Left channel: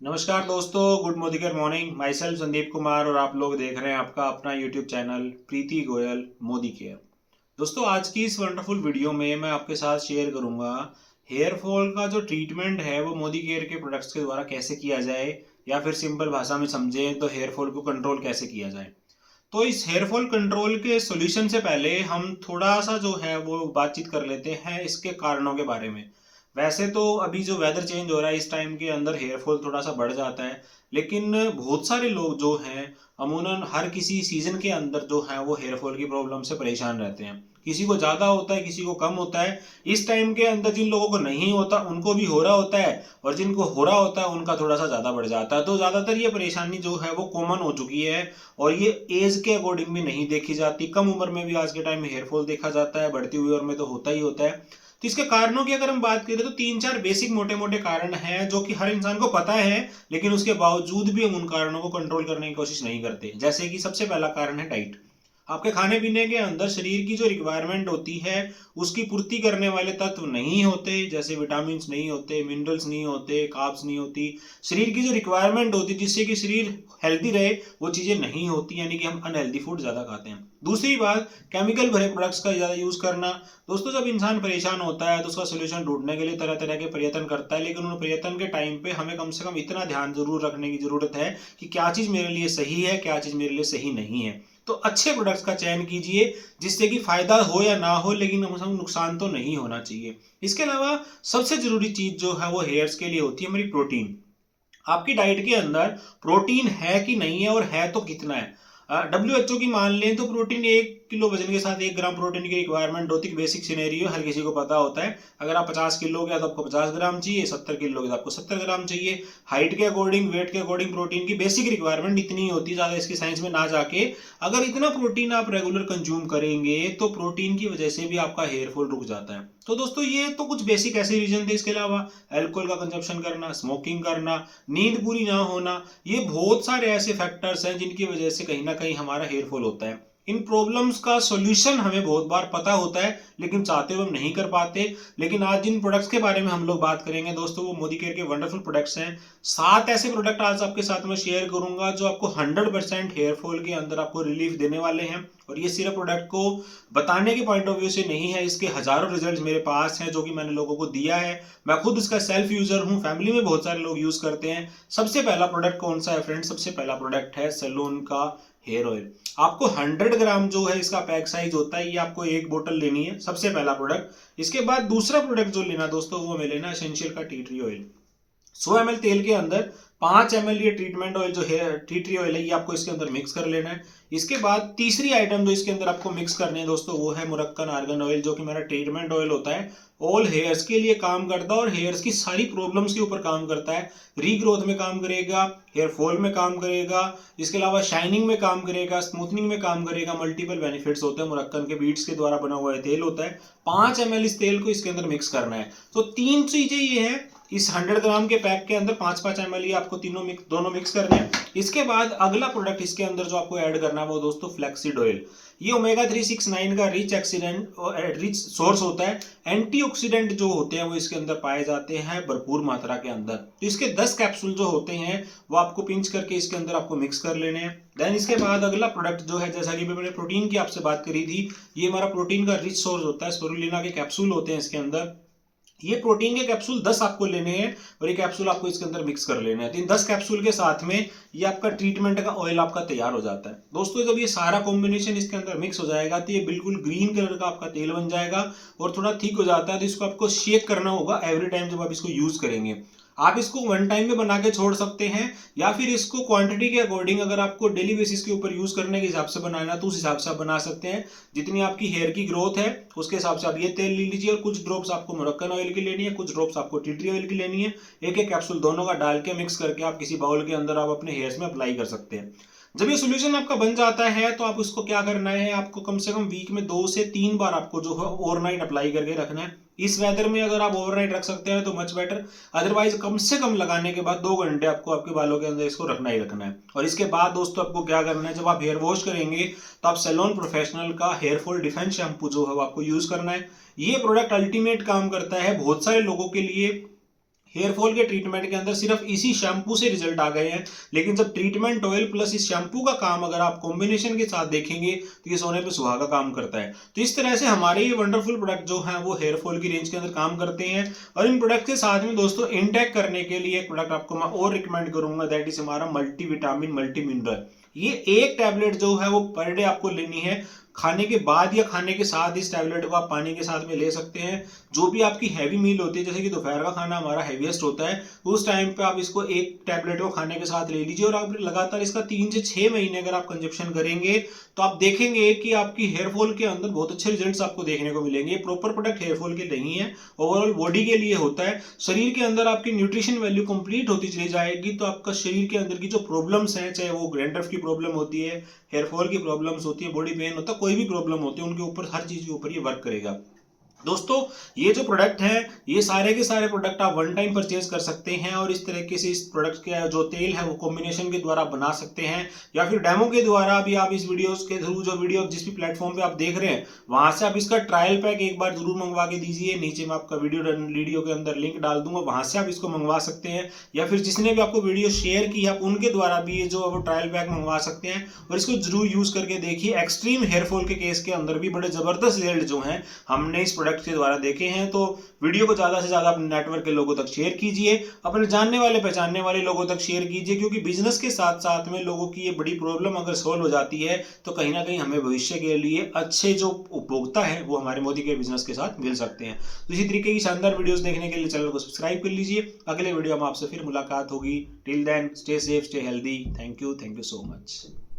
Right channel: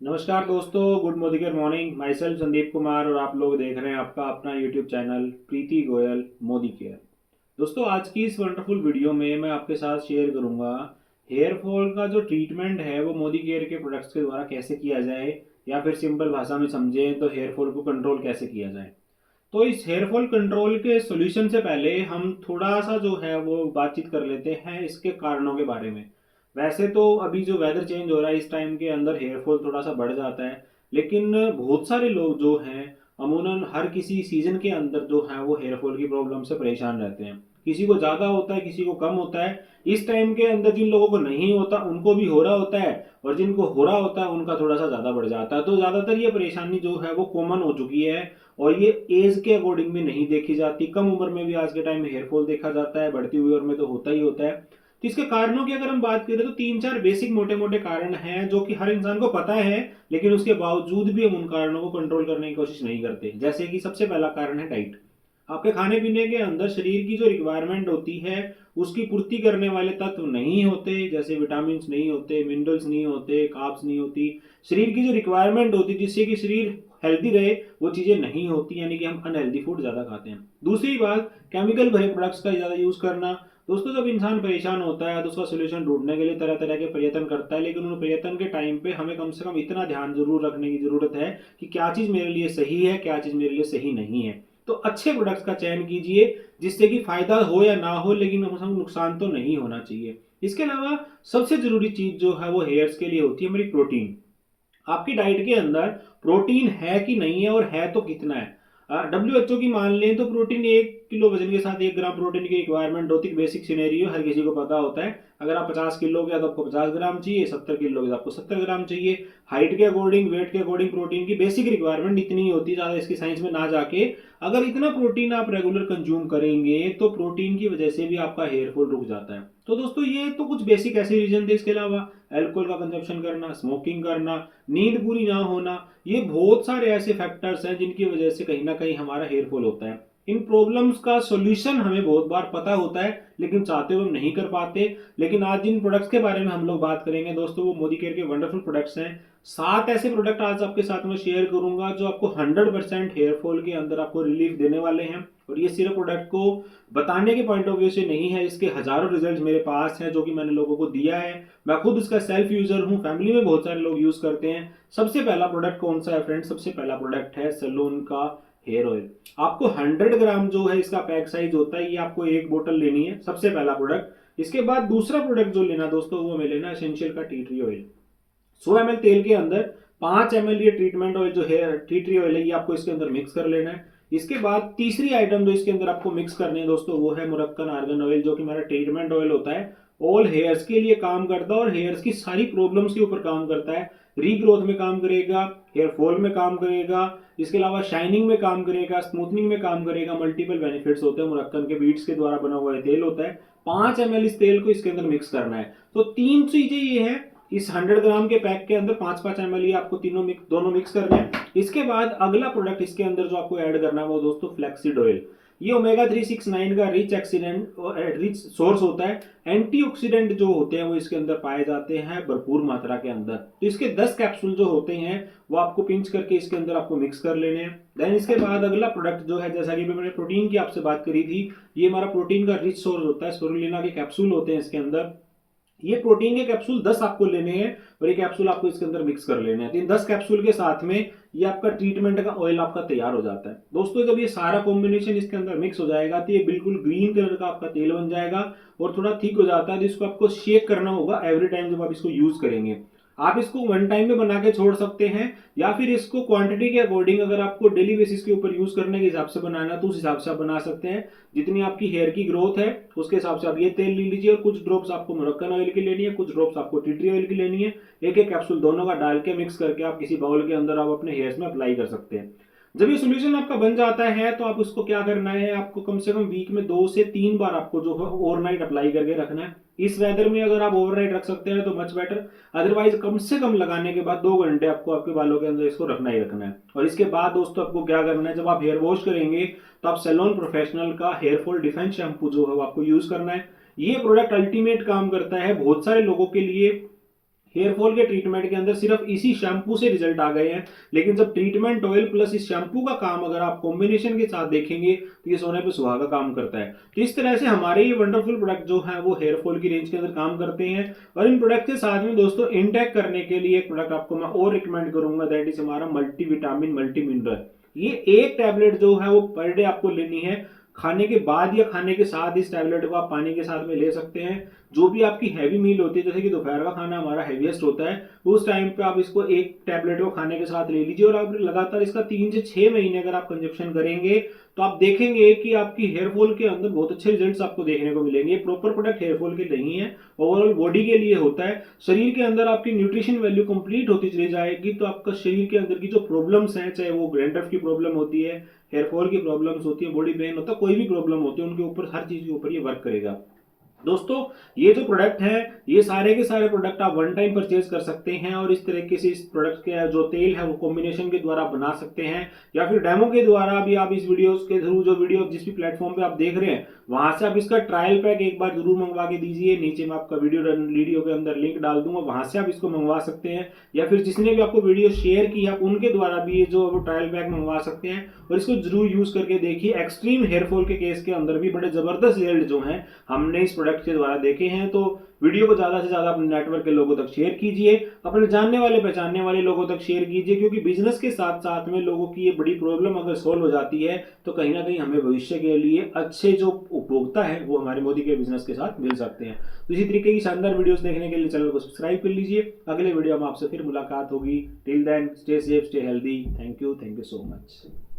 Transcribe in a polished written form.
नमस्कार दोस्तों, गुड मोदिकर morning. Myself Sandeep Kumar और आप लोग देख रहे हैं आपका अपना YouTube channel Preeti Goyal Modi care. दोस्तों, आज की इस वंडरफुल वीडियो में मैं आपके साथ शेयर करूंगा हेयर फॉल का जो ट्रीटमेंट है वो मोदी केयर के प्रोडक्ट्स के द्वारा कैसे किया जाए, या फिर सिंपल भाषा में समझें तो हेयर फॉल को कंट्रोल कैसे किया जाए। तो इस हेयर फॉल कंट्रोल के सॉल्यूशन से पहले हम थोड़ा सा जो है वो बातचीत कर लेते हैं इसके कारणों के बारे में। वैसे तो अभी जो वेदर चेंज हो रहा है इस टाइम के अंदर हेयर फॉल थोड़ा सा बढ़ जाता है, लेकिन बहुत सारे लोग जो हैं अमूमन हर किसी सीजन के अंदर जो है वो हेयर फॉल की प्रॉब्लम से परेशान रहते हैं। किसी को ज़्यादा होता है, किसी को कम होता है। इस टाइम के अंदर जिन लोगों को नहीं होता उनको भी हो रहा होता है, और जिनको हो रहा होता है उनका थोड़ा सा ज़्यादा बढ़ जाता है। तो ज़्यादातर ये परेशानी जो है वो कॉमन हो चुकी है, और ये एज के अकॉर्डिंग भी नहीं देखी जाती। कम उम्र में भी आज के टाइम में हेयर फॉल देखा जाता है, बढ़ती हुई उम्र में तो होता ही होता है। तो इसके कारणों की अगर हम बात करें तो तीन चार बेसिक मोटे मोटे कारण हैं जो कि हर इंसान को पता है, लेकिन उसके बावजूद भी हम उन कारणों को कंट्रोल करने की कोशिश नहीं करते। जैसे कि सबसे पहला कारण है डाइट। आपके खाने पीने के अंदर शरीर की जो रिक्वायरमेंट होती है उसकी पूर्ति करने वाले तत्व नहीं होते, जैसे विटामिन नहीं होते, मिनरल्स नहीं होते, कार्ब्स नहीं होती। शरीर की जो रिक्वायरमेंट होती है जिससे कि शरीर हेल्दी रहे वो चीजें नहीं होती, यानी कि हम अनहेल्दी फूड ज्यादा खाते हैं। दूसरी बात, केमिकल भरे प्रोडक्ट्स का ज्यादा यूज करना। दोस्तों, जब इंसान परेशान होता है तो उसका सोल्यूशन ढूंढने के लिए तरह तरह के प्रयत्न करता है, लेकिन उन प्रयत्न के टाइम पे हमें कम से कम इतना ध्यान जरूर रखने की जरूरत है कि क्या चीज मेरे लिए सही है, क्या चीज मेरे लिए सही नहीं है। तो अच्छे प्रोडक्ट्स का चयन कीजिए जिससे कि फायदा हो या ना हो, लेकिन हम नुकसान तो नहीं होना चाहिए। इसके अलावा सबसे जरूरी चीज जो है वो हेयर्स के लिए होती है हमारी प्रोटीन। आपकी डाइट के अंदर प्रोटीन है कि नहीं है, और है तो कितना है। WHO की मान लें तो प्रोटीन 1 किलो वजन के साथ 1 ग्राम प्रोटीन की रिक्वायरमेंट होती है। बेसिक सिनेरियो हर किसी को पता होता है। अगर आप 50 किलो के तो आपको 50 ग्राम चाहिए, 70 किलो के तो आपको 70 ग्राम चाहिए। हाइट के अकॉर्डिंग, वेट के अकॉर्डिंग प्रोटीन की बेसिक रिक्वायरमेंट इतनी ही होती है, ज्यादा इसकी साइंस में ना जाके। अगर इतना प्रोटीन आप रेगुलर कंज्यूम करेंगे तो प्रोटीन की वजह से भी आपका हेयर फॉल रुक जाता है। तो दोस्तों, ये तो कुछ बेसिक ऐसे रीजन थे। इसके अलावा अल्कोहल का कंजप्शन करना, स्मोकिंग करना, नींद पूरी ना होना, ये बहुत सारे ऐसे फैक्टर्स हैं जिनकी वजह से कहीं ना कहीं हमारा हेयर फॉल होता है। इन प्रॉब्लम्स का सॉल्यूशन हमें बहुत बार पता होता है, लेकिन चाहते हुए हम नहीं कर पाते। लेकिन आज जिन प्रोडक्ट्स के बारे में हम लोग बात करेंगे दोस्तों, वो मोदी केयर के वंडरफुल प्रोडक्ट्स हैं। 7 ऐसे प्रोडक्ट आज आपके साथ में शेयर करूंगा जो आपको 100% हेयर फॉल के अंदर आपको रिलीफ देने वाले हैं। और ये सिर्फ प्रोडक्ट को बताने के पॉइंट ऑफ व्यू से नहीं है, इसके हजारों रिजल्ट मेरे पास हैं जो कि मैंने लोगों को दिया है। मैं खुद इसका सेल्फ यूजर हूं, फैमिली में बहुत सारे लोग यूज करते हैं। सबसे पहला प्रोडक्ट कौन सा है फ्रेंड? सबसे पहला प्रोडक्ट है सैलून का हेयर ऑयल। आपको 100 ग्राम जो है इसका पैक साइज होता है, ये आपको एक बोतल लेनी है, सबसे पहला प्रोडक्ट। इसके बाद दूसरा प्रोडक्ट जो लेना दोस्तों वो हमें लेना एसेंशियल का टी ट्री ऑयल। 100 ml तेल के अंदर 5 ml ये ट्रीटमेंट ऑयल जो है, टी ट्री ऑयल है, ये आपको इसके अंदर मिक्स कर लेना है। इसके बाद तीसरी आइटम जो इसके अंदर आपको मिक्स करनी है दोस्तों वो है मुरक्कन आर्गन ऑयल, जो कि मेरा ट्रीटमेंट ऑयल होता है। ऑल हेयर्स के लिए काम करता है और हेयर्स की सारी प्रॉब्लम्स के ऊपर काम करता है। रीग्रोथ में काम करेगा, हेयर फॉल में काम करेगा, इसके अलावा शाइनिंग में काम करेगा, स्मूथनिंग में काम करेगा। मल्टीपल बेनिफिट्स होते हैं। मुरक्कन के बीट्स के द्वारा बना हुआ तेल होता है। 5 ml इस तेल को इसके अंदर मिक्स करना है। तो तीन चीजें ये है, इस 100 ग्राम के पैक के अंदर 5-5 ml ये आपको दोनों मिक्स करने हैं। इसके बाद अगला प्रोडक्ट इसके अंदर जो आपको ऐड करना है वो दोस्तों फ्लैक्सीड ऑयल। ये ओमेगा 369 का रिच सोर्स होता है। एंटीऑक्सीडेंट जो होते हैं वो इसके अंदर पाए जाते हैं भरपूर मात्रा के अंदर। तो इसके 10 कैप्सूल जो होते हैं वो आपको पिंच करके इसके अंदर आपको मिक्स कर लेने हैं। देन इसके बाद अगला प्रोडक्ट जो है, जैसा कि मैंने प्रोटीन की आपसे बात करी थी, ये हमारा प्रोटीन का रिच सोर्स होता है। स्पिरुलिना के कैप्सूल होते हैं इसके अंदर। ये प्रोटीन के कैप्सूल 10 आपको लेने हैं और ये कैप्सूल आपको इसके अंदर मिक्स कर लेने हैं। तो इन 10 कैप्सूल के साथ में ये आपका ट्रीटमेंट का ऑयल आपका तैयार हो जाता है। दोस्तों, जब ये सारा कॉम्बिनेशन इसके अंदर मिक्स हो जाएगा तो ये बिल्कुल ग्रीन कलर का आपका तेल बन जाएगा और थोड़ा थिक हो जाता है। तो इसको आपको शेक करना होगा एवरी टाइम जब आप इसको यूज करेंगे। आप इसको वन टाइम में बना के छोड़ सकते हैं, या फिर इसको क्वांटिटी के अकॉर्डिंग अगर आपको डेली बेसिस के ऊपर यूज करने के हिसाब से बनाना है तो उस हिसाब से आप बना सकते हैं। जितनी आपकी हेयर की ग्रोथ है उसके हिसाब से आप ये तेल ले लीजिए, और कुछ ड्रॉप्स आपको मुरक्कन ऑयल की लेनी है, कुछ ड्रॉप्स आपको टी ट्री ऑयल की लेनी है। एक एक कैप्सूल दोनों का डाल के मिक्स करके आप किसी बाउल के अंदर आप अपने हेयर्स में अप्लाई कर सकते हैं। जब ये सोल्यूशन आपका बन जाता है तो आप उसको क्या करना है, आपको कम से कम वीक में 2 से 3 बार आपको जो है ओवरनाइट अप्लाई करके रखना है। इस वेदर में अगर आप ओवरनाइट रख सकते हैं तो मच बेटर, अदरवाइज कम से कम लगाने के बाद 2 घंटे आपको आपके बालों के अंदर इसको रखना ही रखना है। और इसके बाद दोस्तों आपको क्या करना है, जब आप हेयर वॉश करेंगे तो आप सैलून प्रोफेशनल का हेयर फॉल डिफेंस शैम्पू जो है वो आपको यूज करना है। ये प्रोडक्ट अल्टीमेट काम करता है बहुत सारे लोगों के लिए। हेयर फॉल के ट्रीटमेंट के अंदर सिर्फ इसी शैम्पू से रिजल्ट आ गए हैं, लेकिन जब ट्रीटमेंट ऑयल प्लस इस शैम्पू का काम अगर आप कॉम्बिनेशन के साथ देखेंगे तो ये सोने पे सुहागा काम करता है। तो इस तरह से हमारे ये वंडरफुल प्रोडक्ट जो है वो हेयर फॉल की रेंज के अंदर काम करते हैं। और इन प्रोडक्ट के साथ में दोस्तों इंटेक करने के लिए एक प्रोडक्ट आपको मैं और रिकमेंड करूंगा, दैट इज हमारा मल्टीविटामिन मल्टी मिनरल। ये एक टैबलेट जो है वो पर डे आपको लेनी है, खाने के बाद या खाने के साथ इस टैबलेट को आप पानी के साथ में ले सकते हैं। जो भी आपकी हैवी मील होती है, जैसे कि दोपहर का खाना हमारा हैवीएस्ट होता है, उस टाइम पे आप इसको एक टैबलेट को खाने के साथ ले लीजिए और आप लगातार इसका 3 से 6 महीने अगर आप कंजप्शन करेंगे तो आप देखेंगे कि आपकी हेयर फॉल के अंदर बहुत अच्छे रिजल्ट्स आपको देखने को मिलेंगे। प्रॉपर प्रोडक्ट हेयर फॉल के नहीं है, ओवरऑल बॉडी के लिए होता है। शरीर के अंदर आपकी न्यूट्रिशन वैल्यू कंप्लीट होती चली जाएगी तो आपका शरीर के अंदर की जो प्रॉब्लम्स हैं, चाहे वो ग्रैंड्रफ की प्रॉब्लम होती है, हेयर फॉल की प्रॉब्लम्स होती है, बॉडी पेन होता है, कोई भी प्रॉब्लम होती है, उनके ऊपर हर चीज के ऊपर ये वर्क करेगा। दोस्तों ये जो प्रोडक्ट है, ये सारे के सारे प्रोडक्ट आप वन टाइम परचेज कर सकते हैं और इस तरीके से इस प्रोडक्ट के जो तेल है वो कॉम्बिनेशन के द्वारा बना सकते हैं, या फिर डेमो के द्वारा भी आप इस वीडियोस के थ्रू, जो वीडियो जिस भी प्लेटफॉर्म पे आप देख रहे हैं वहां से आप इसका ट्रायल पैक एक बार जरूर मंगवा के दीजिए। नीचे मैं आपका वीडियो के अंदर लिंक डाल दूंगा, वहां से आप इसको मंगवा सकते हैं, या फिर जिसने भी आपको वीडियो शेयर की है उनके द्वारा भी ये जो ट्रायल पैक मंगवा सकते हैं और इसको जरूर यूज करके देखिए। एक्सट्रीम हेयरफॉल के केस के अंदर भी बड़े जबरदस्त रिजल्ट जो है हमने इस प्रोडक्ट के द्वारा देखे हैं। तो वीडियो को ज्यादा से ज्यादा अपने नेटवर्क के लोगों तक शेयर कीजिए, अपने जानने वाले पहचानने वाले लोगों तक शेयर कीजिए, क्योंकि बिजनेस के साथ साथ में लोगों की ये बड़ी प्रॉब्लम अगर सॉल्व हो जाती है तो कहीं ना कहीं हमें भविष्य के लिए अच्छे जो उपभोक्ता है वो हमारे मोदी के बिजनेस के साथ मिल सकते हैं। तो इसी तरीके की शानदार वीडियोस देखने के लिए चैनल को सब्सक्राइब कर लीजिए। अगले वीडियो में आपसे फिर मुलाकात होगी। Till then stay safe, stay healthy. Thank you so much.